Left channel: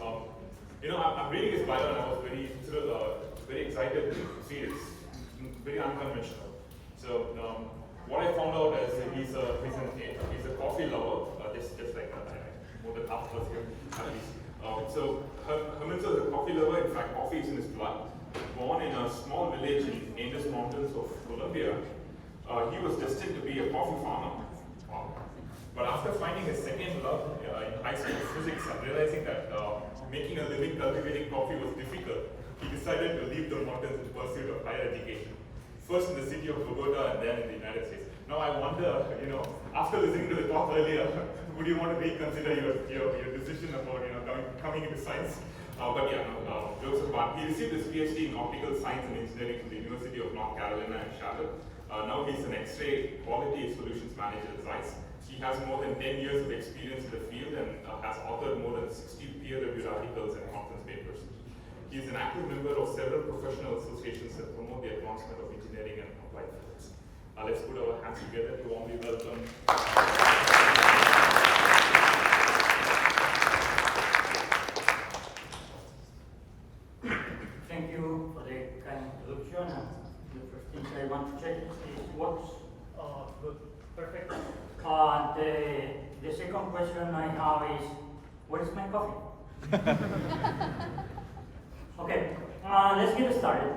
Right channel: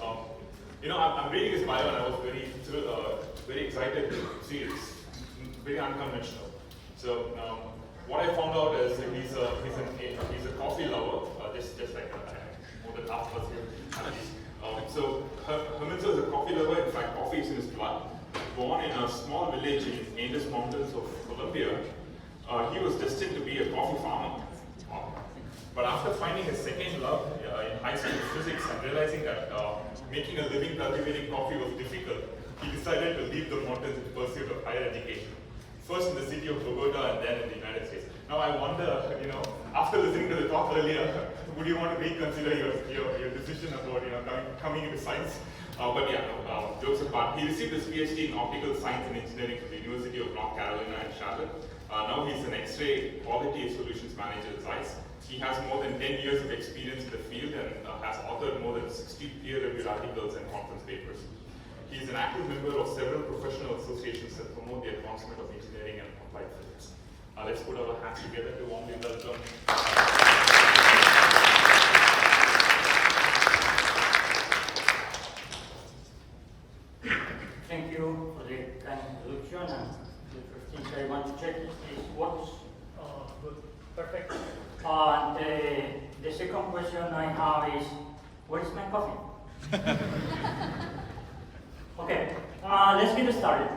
I'm reading his bio and I was very excited to see it. It's very unconventional. So what I found out is that he's a coffee lover, just like more than half of us here at least. So Herminso is a coffee lover. In fact, coffee is in his blood. Born in a small village in Andes Mountains of Colombia, he was destined to be a coffee farmer. But after finding his second love in high school physics and realizing that making a living cultivating coffee was difficult, he decided to leave the mountains in pursuit of higher education. First in the city of Bogota and then in the United States. Now I wonder, after listening to the talk earlier, would you want to reconsider your decision about coming into science? But yeah, jokes apart. He received his PhD in optical science and engineering from the University of North Carolina in Charlotte. Now he's an X-ray quality solutions manager at ZEISS. He has more than 10 years of experience in the field and has authored more than 60 peer-reviewed articles and conference papers. He is an active member of several professional associations that promote the advancement of engineering and applied physics. Let's put our hands together to warmly welcome. Thank you for the kind introduction. And the first thing I want to check is works. Good, perfect. The second question I have is, where is my coffee? Okay, let's get started.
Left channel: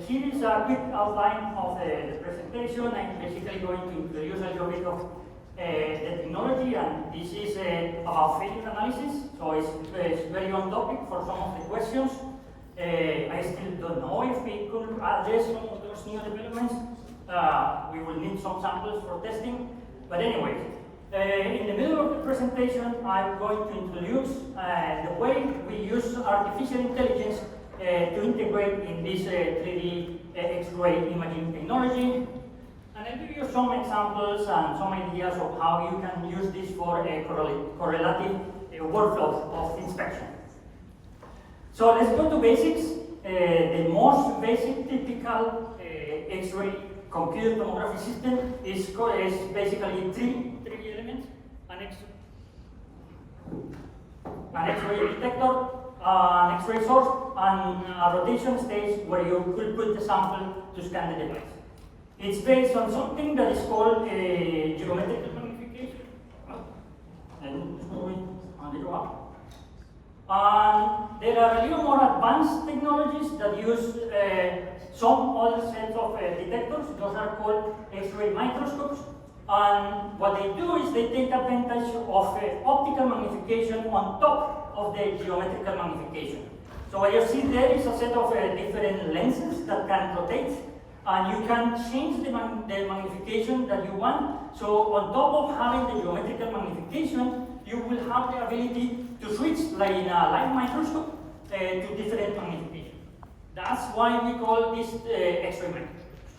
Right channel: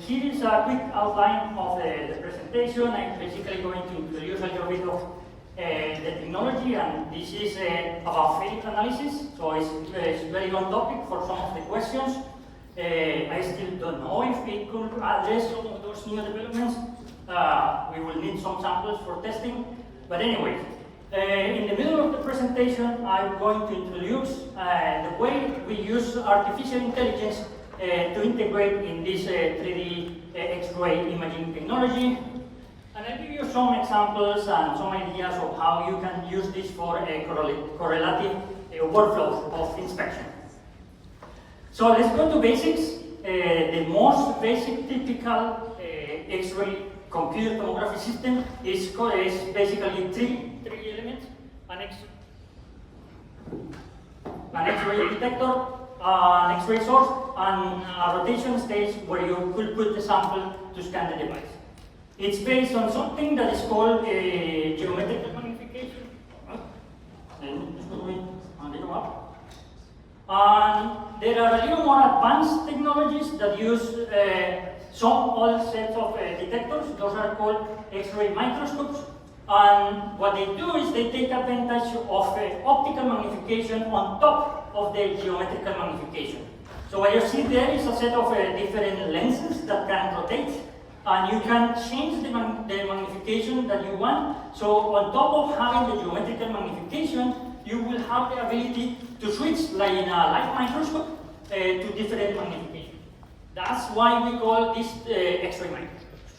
Here is a quick outline of the presentation. I'm basically going to introduce a little bit of the technology, and this is about field analysis, so it's very on topic for some of the questions. I still don't know if we could address some of those new developments. We will need some samples for testing, but anyway, in the middle of the presentation, I'm going to introduce the way we use artificial intelligence to integrate in this 3D X-ray imaging technology. And I'll give you some examples and some ideas of how you can use this for a correlative workflow of inspection. So let's go to basics. The most basic typical X-ray computer tomography system is basically three elements: an X-ray detector, an X-ray source, and a rotation stage where you could put the sample to scan the device. It's based on something that is called geometrical magnification. And just going a little up. And there are a little more advanced technologies that use some other sets of detectors. Those are called X-ray microscopes. And what they do is they take advantage of optical magnification on top of the geometrical magnification. So what you see there is a set of different lenses that can rotate, and you can change the magnification that you want. So on top of having the geometrical magnification, you will have the ability to switch, like in a light microscope, to different magnification. That's why we call this X-ray microscopes.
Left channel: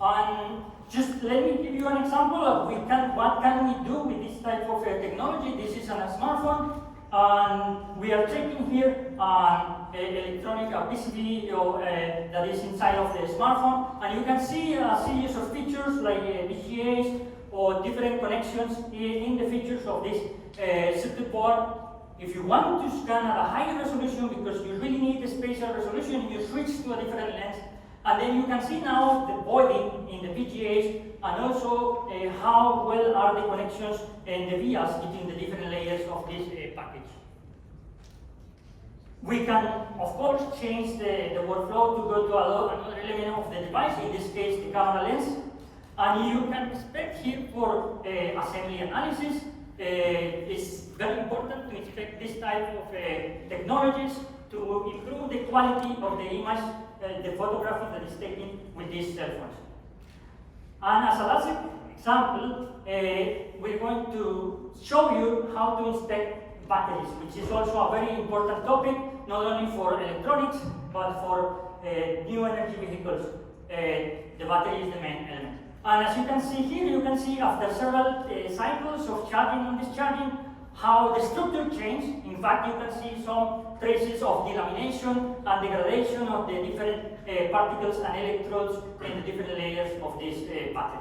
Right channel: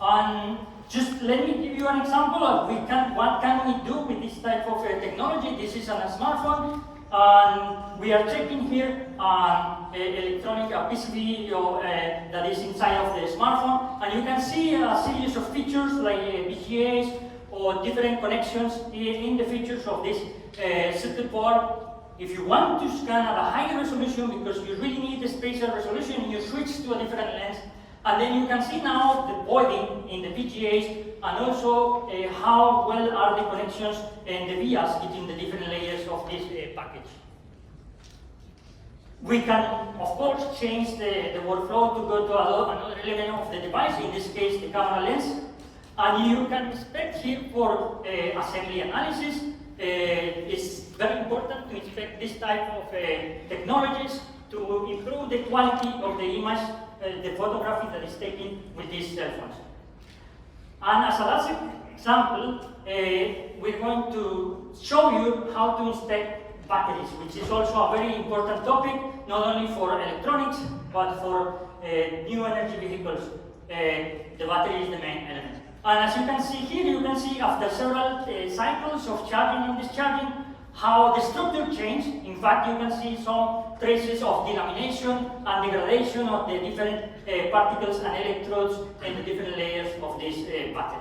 And just let me give you an example of what can we do with this type of technology. This is on a smartphone, and we are checking here electronic PCB that is inside of the smartphone, and you can see a series of features like VGAs or different connections in the features of this circuit board. If you want to scan at a higher resolution, because you really need the spatial resolution, you switch to a different lens. And then you can see now the voiding in the VGAs, and also how well are the connections and the vias between the different layers of this package. We can, of course, change the workflow to go to another element of the device, in this case the camera lens. And you can inspect here for assembly analysis. It's very important to inspect this type of technologies to improve the quality of the image, the photography that is taken with these cell phones. And as a last example, we're going to show you how to inspect batteries, which is also a very important topic, not only for electronics, but for new energy vehicles. The battery is the main element. And as you can see here, you can see after several cycles of charging and discharging, how the structure changed. In fact, you can see some traces of delamination and degradation of the different particles and electrodes in the different layers of this battery.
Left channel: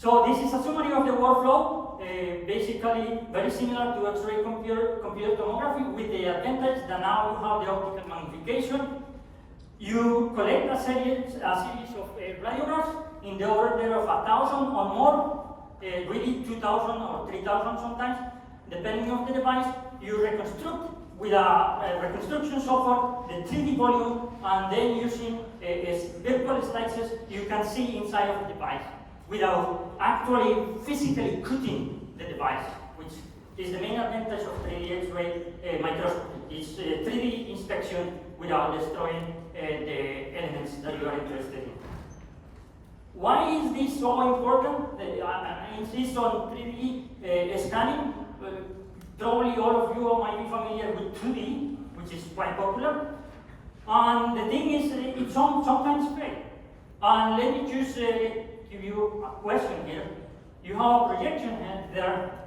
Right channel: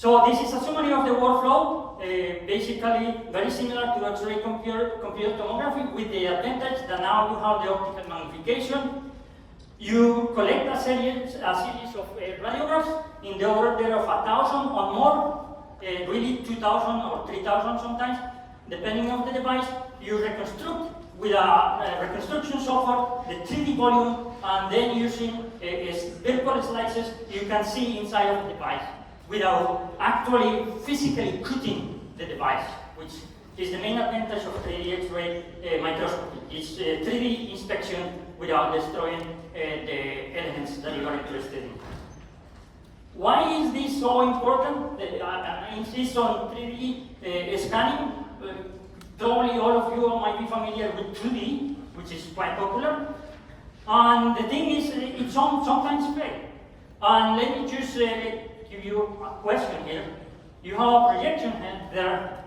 So this is a summary of the workflow, basically very similar to X-ray computer tomography, with the advantage that now you have the optical magnification. You collect a series of radiographs in the order of 1,000 or more, really 2,000 or 3,000 sometimes, depending on the device. You reconstruct with a reconstruction software the 3D volume, and then using virtual slices, you can see inside of the device without actually physically cutting the device, which is the main advantage of the X-ray microscopy. It's 3D inspection without destroying the elements that you are interested in. Why is this so important? I insist on 3D scanning. Probably all of you might be familiar with 2D, which is quite popular. And the thing is, it's sometimes fail. And let me just give you a question here. You have a projection there,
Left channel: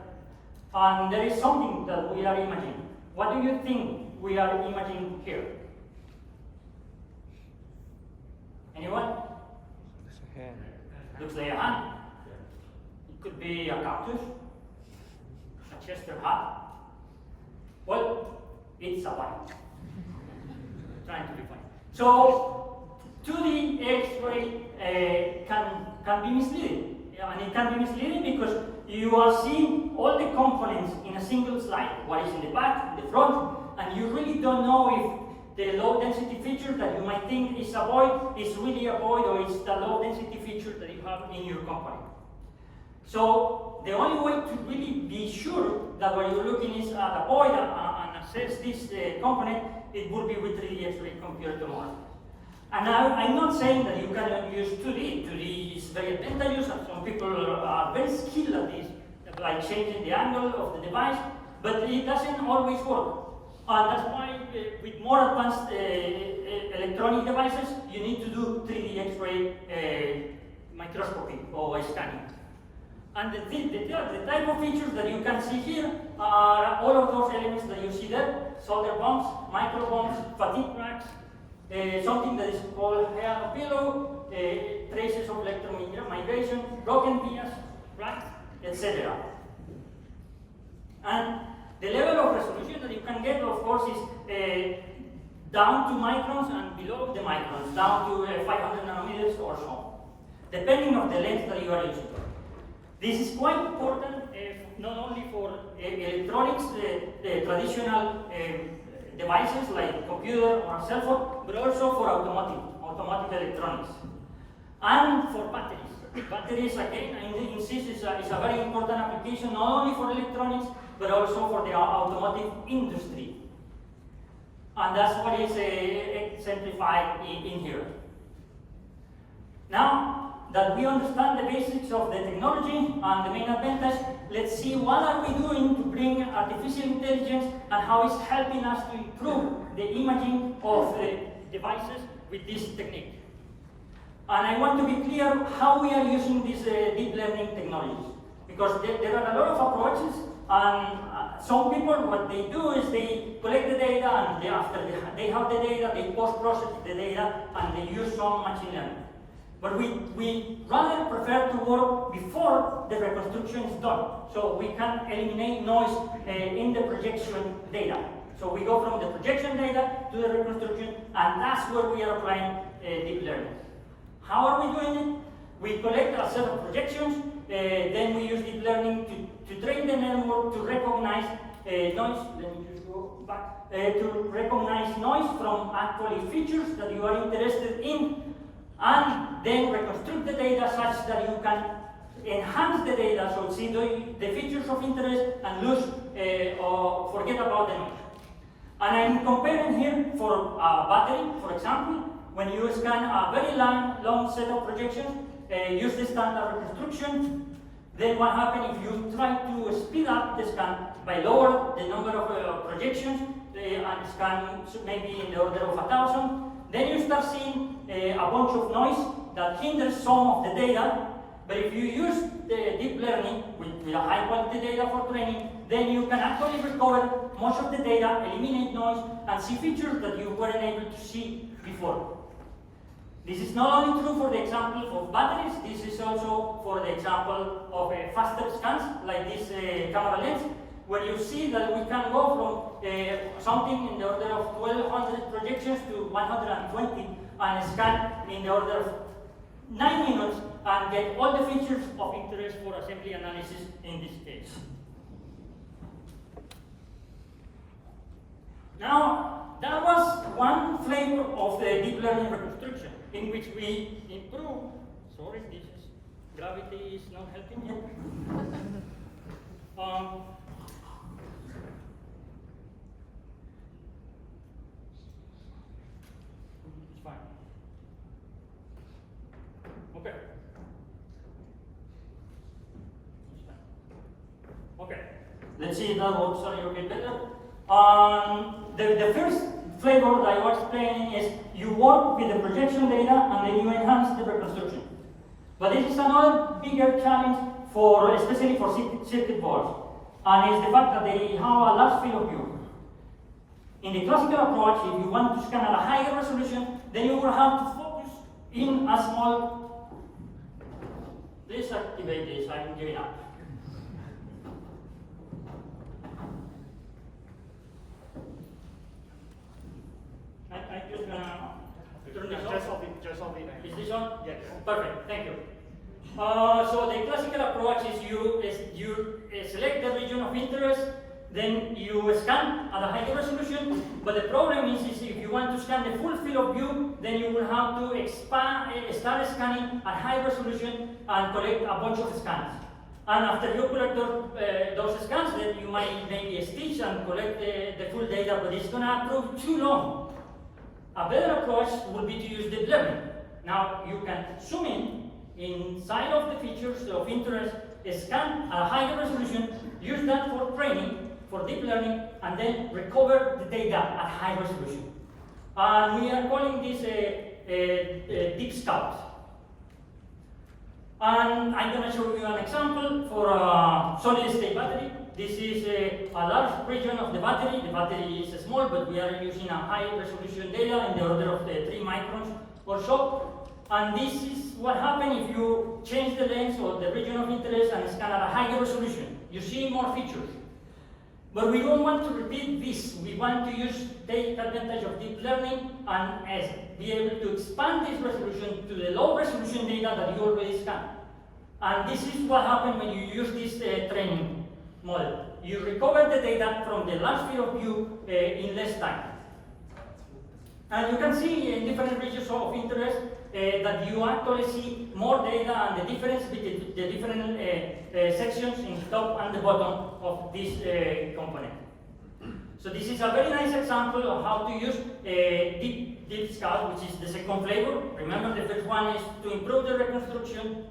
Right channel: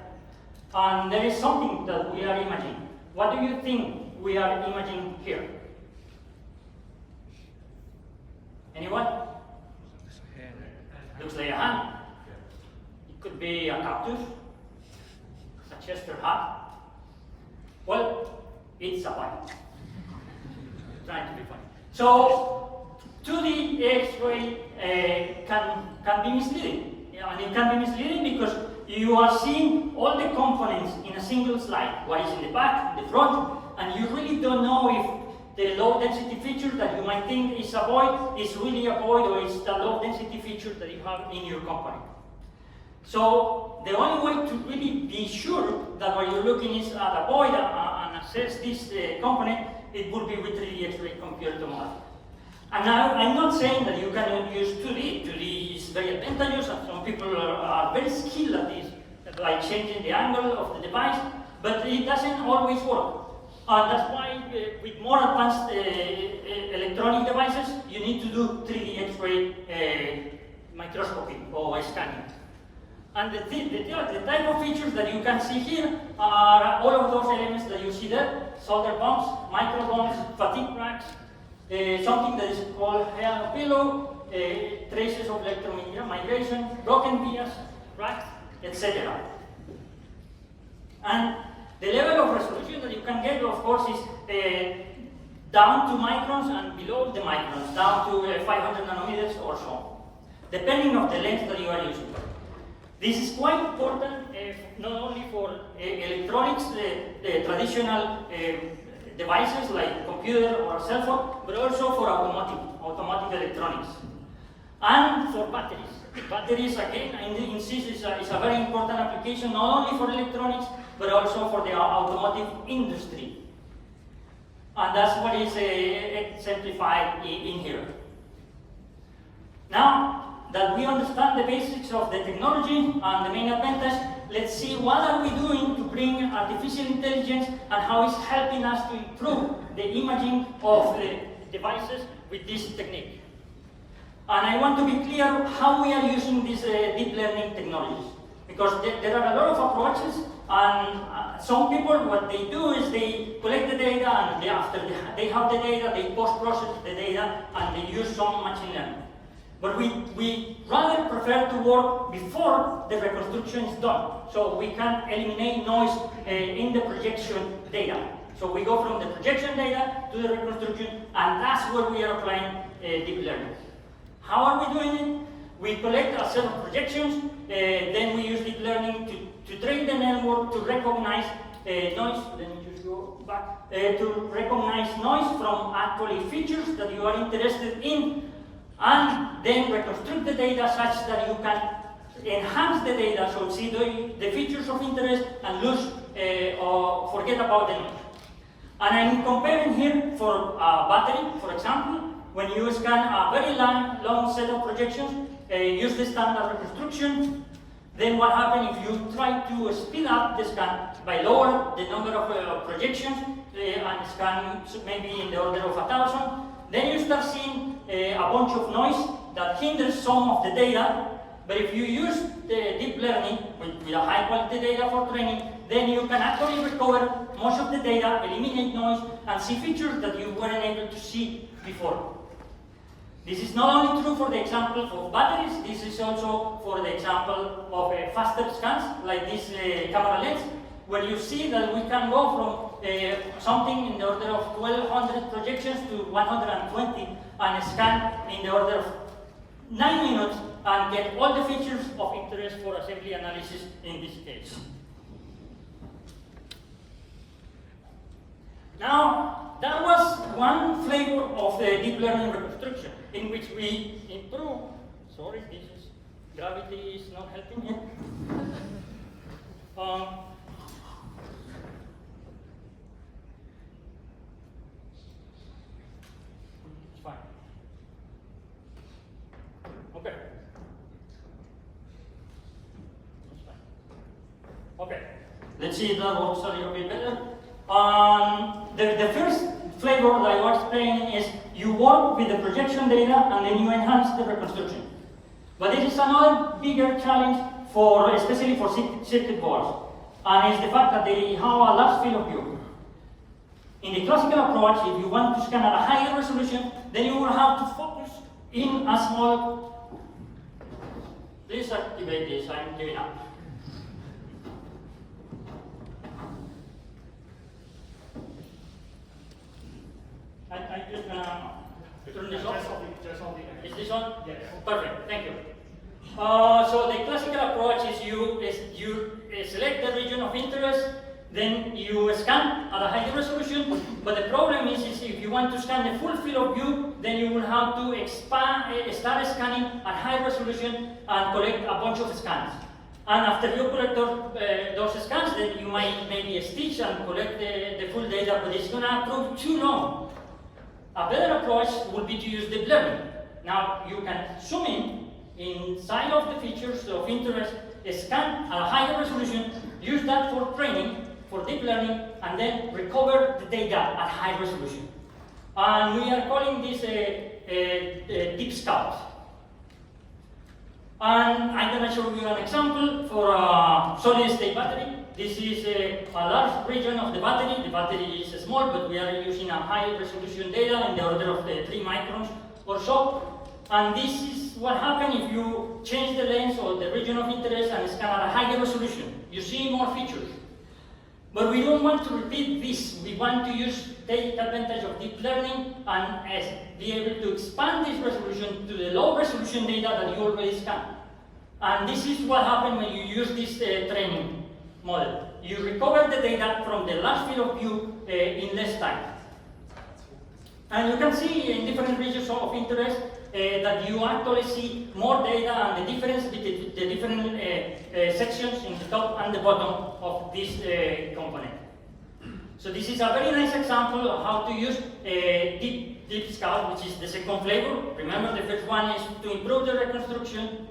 and there is something that we are imagining. What do you think we are imagining here? Anyone? Looks like a hand. It could be a cactus, a Chester hat. Well, it's a bite. Trying to be funny. So, 2D X-ray can be misleading. And it can be misleading because you are seeing all the components in a single slide. What is in the back, the front, and you really don't know if the low density feature that you might think is a void is really a void, or is the low density feature that you have in your component. So the only way to really be sure that what you're looking is at a void and assess this component, it would be with 3D X-ray computer tomography. And I'm not saying that you can use 2D. 2D is very advantageous, and some people are very skilled at this, like changing the angle of the device, but it doesn't always work. And that's why with more advanced electronic devices, you need to do 3D X-ray microscopy or scanning. And the type of features that you can see here are all of those elements that you see there: solder bumps, micro bumps, fatigue cracks, something that is called hair pillow, traces of electron migration, broken vias, cracks, etc. And the level of resolution that you can get, of course, is down to microns and below the microns, down to 500 nanometers or so, depending on the lens that you are using. This is quite important, not only for electronics, traditional devices like computer or cell phone, but also for automotive electronics, and for batteries. Batteries, again, I insist, is a very important application, not only for electronics, but also for the automotive industry. And that's what is exemplified in here. Now that we understand the basics of the technology and the main advantage, let's see what are we doing to bring artificial intelligence and how it's helping us to improve the imaging of the devices with this technique. And I want to be clear how we are using these deep learning technologies, because there are a lot of approaches, and some people, what they do is they collect the data, and after they have the data, they post-process the data, and they use some machine learning. But we rather prefer to work before the reconstruction is done, so we can eliminate noise in the projection data. So we go from the projection data to the reconstruction, and that's where we are applying deep learning. How are we doing it? We collect a set of projections, then we use deep learning to train the network to recognize noise. Let me just go back. To recognize noise from actually features that you are interested in, and then reconstruct the data such that you can enhance the data, so see the features of interest and lose or forget about the noise. And I'm comparing here for a battery, for example. When you scan a very long set of projections, use the standard reconstruction. Then what happens if you try to speed up the scan by lower the number of projections and scan maybe in the order of 1,000? Then you start seeing a bunch of noise that hinders some of the data. But if you use the deep learning with a high quality data for training, then you can actually recover most of the data, eliminate noise, and see features that you weren't able to see before. This is not only true for the example of batteries, this is also for the example of faster scans, like this camera lens, where you see that we can go from something in the order of 1200 projections to 120 and scan in the order of 9 minutes and get all the features of interest for assembly analysis in this case. Now, that was one flavor of the deep learning reconstruction in which we improve. Sorry, gravity is not helping here. It's fine. Okay. It's fine. Okay. Let's see if that works a little bit better. The first flavor that I was explaining is you work with the projection data and then you enhance the reconstruction. But this is another bigger challenge for, especially for circuit boards, and it's the fact that they have a large field of view. In the classical approach, if you want to scan at a higher resolution, then you will have to focus in a small. Please activate this, I'm giving up. I'm just gonna turn this off. Just on the end. Is this on? Yes. Perfect, thank you. So the classical approach is you select the region of interest, then you scan at a higher resolution, but the problem is if you want to scan the full field of view, then you will have to start scanning at high resolution and collect a bunch of scans. And after you collect those scans, then you might maybe stitch and collect the full data, but it's gonna prove too long. A better approach would be to use deep learning. Now you can zoom in inside of the features of interest, scan at a higher resolution, use that for training, for deep learning, and then recover the data at high resolution. And we are calling this DeepScout. And I'm going to show you an example for a solid-state battery. This is a large region of the battery. The battery is small, but we are using a high-resolution data in the order of 3 microns or so. And this is what happens if you change the lens or the region of interest and scan at a higher resolution. You see more features. But we don't want to repeat this. We want to take advantage of deep learning and be able to expand this resolution to the low resolution data that you already scanned. And this is what happens when you use this training model. You recover the data from the large field of view in less time. And you can see in different regions of interest that you actually see more data and the difference between the different sections in the top and the bottom of this component. So this is a very nice example of how to use DeepScout, which is the second flavor. Remember, the first one is to improve the reconstruction.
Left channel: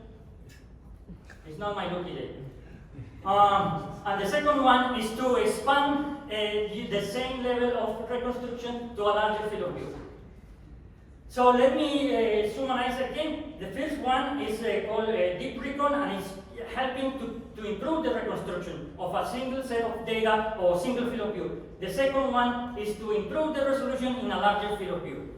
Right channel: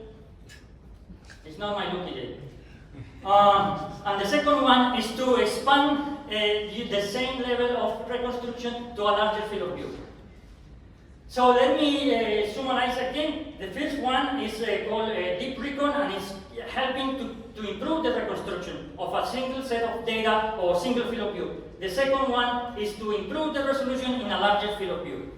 It's not my lucky day. And the second one is to expand the same level of reconstruction to a larger field of view. So let me summarize again. The first one is called Deep Recon, and it's helping to improve the reconstruction of a single set of data or single field of view. The second one is to improve the resolution in a larger field of view.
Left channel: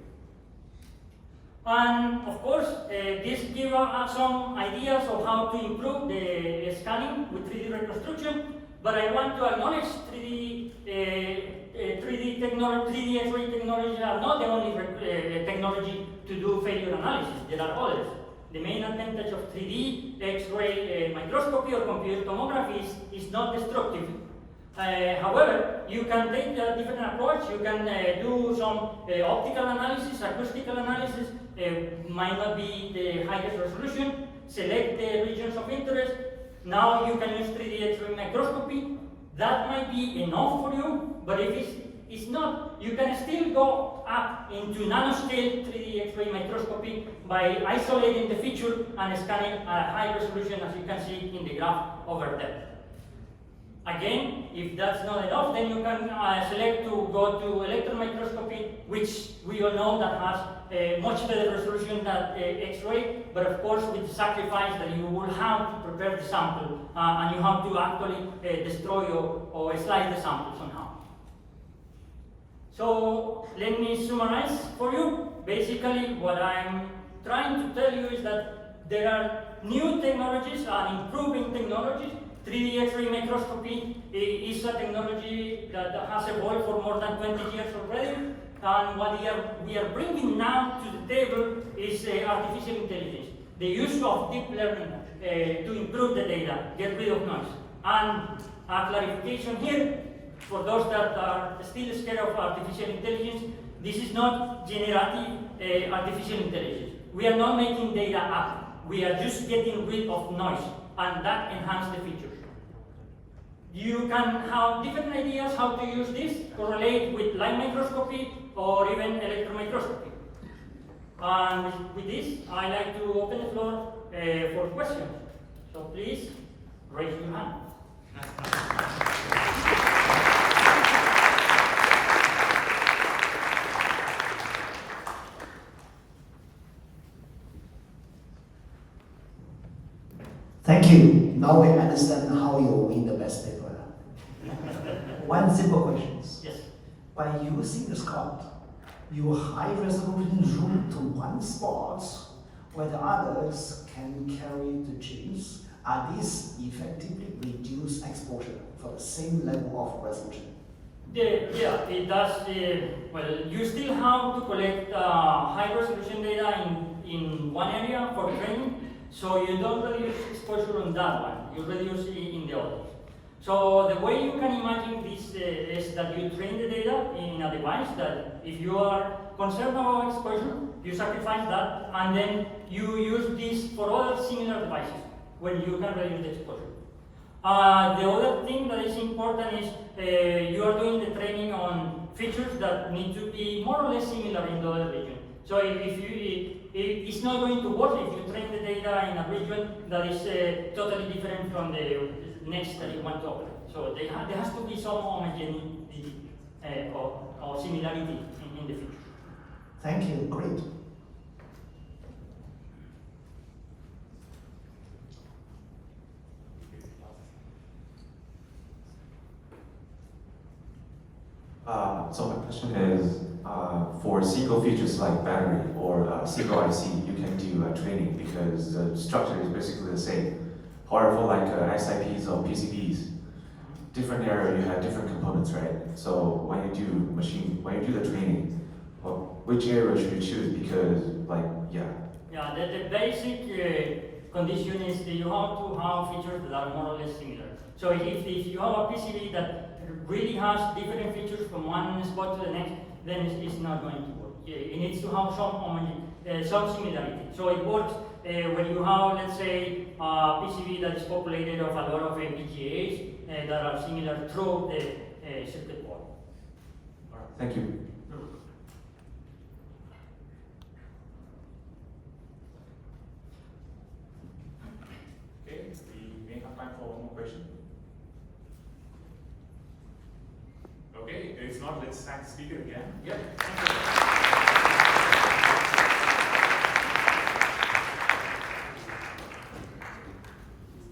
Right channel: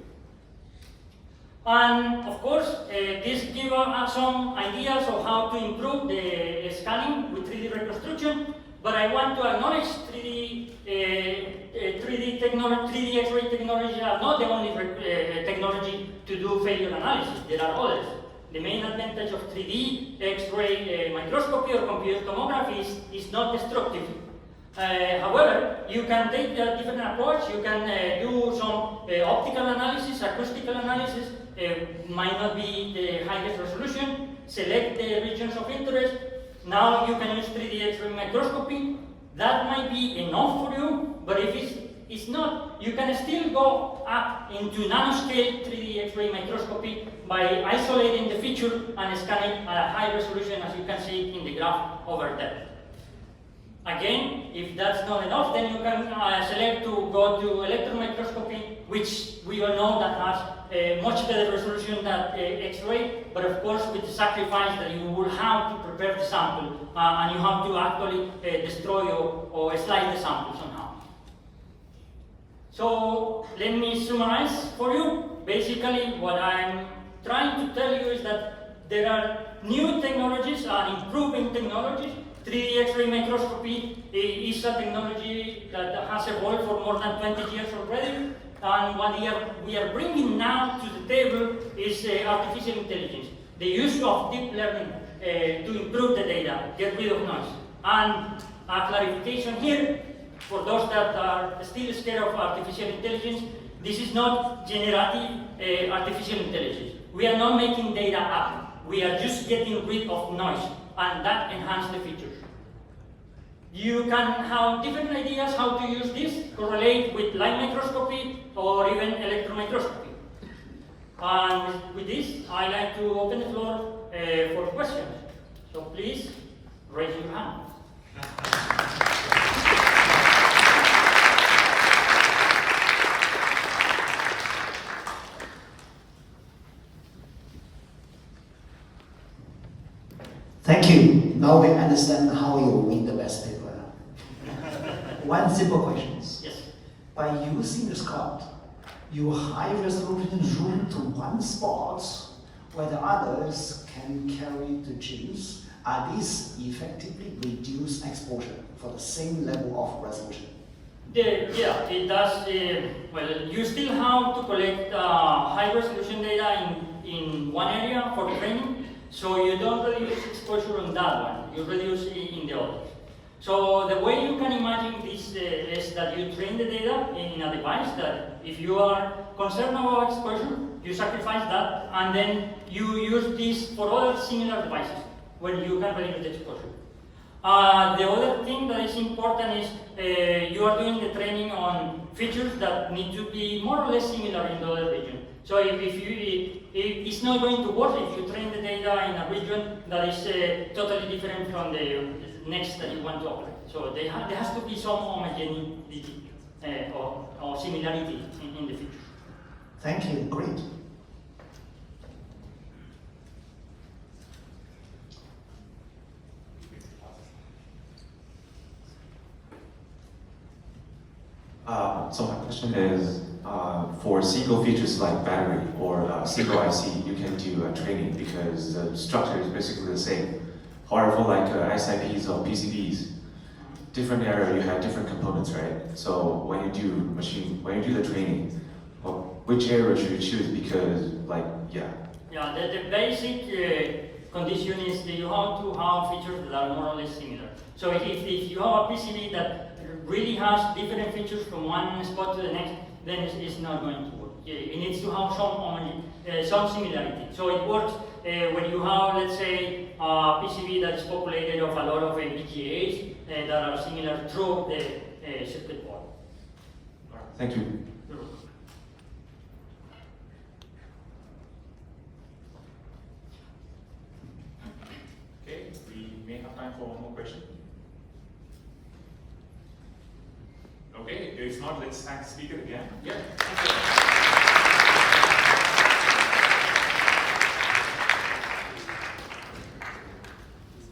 And of course, this gives us some ideas of how to improve the scanning with 3D reconstruction, but I want to acknowledge 3D X-ray technology are not the only technology to do failure analysis. There are others. The main advantage of 3D X-ray microscopy or computed tomography is not destructive. However, you can take a different approach. You can do some optical analysis, acoustical analysis. Might not be the highest resolution. Select the regions of interest. Now you can use 3D X-ray microscopy. That might be enough for you, but if it's not, you can still go up into nanoscale 3D X-ray microscopy by isolating the feature and scanning at a high resolution, as you can see in the graph over there. Again, if that's not enough, then you can select to go to electron microscopy, which we all know that has a much better resolution than X-ray, but of course with the sacrifice that you will have to prepare the sample and you have to actually destroy or slice the sample somehow. So let me summarize for you. Basically, what I'm trying to tell you is that there are new technologies and improving technologies. 3D X-ray microscopy is a technology that has evolved for more than 20 years already. And what we are bringing now to the table is artificial intelligence. The use of deep learning to improve the data, get rid of noise. And a clarification here, for those that are still scared of artificial intelligence, this is not generative artificial intelligence. We are not making data up. We are just getting rid of noise, and that enhances the features. You can have different ideas how to use this, correlate with light microscopy or even electron microscopy. And with this, I like to open the floor for questions. So please, raise your hand. Thank you. Now we understand how you win the best paper. One simple question. Yes. By using the Scout, you high resolution zoom to one spot where the others can carry the genes. Are these effectively reduce exposure for the same level of resolution? Yeah, it does. Well, you still have to collect high resolution data in one area for training. So you don't reduce exposure on that one, you reduce it in the others. So the way you can imagine this is that you train the data in a device that if you are concerned about exposure, you sacrifice that and then you use this for other similar devices when you can reduce the exposure. The other thing that is important is you are doing the training on features that need to be more or less similar in the other region. So it's not going to work if you train the data in a region that is totally different from the next that you want to operate. So there has to be some homogeneity or similarity in the features. Thank you. Great. So my question is, for single features like battery or single IC, you can do training because the structure is basically the same. However, for like SIPs or PCBs, different area you have different components, right? So when you do the training, well, which area should you choose? Because Yeah, the basic condition is that you have to have features that are more or less similar. So if you have a PCB that really has different features from one spot to the next, then it's not going to work. It needs to have some similarity. So it works when you have, let's say, a PCB that is populated of a lot of FPGAs that are similar through the circuit board. Thank you. Okay, we may have time for one more question. Okay, if not, let's thank the speaker again. Yeah.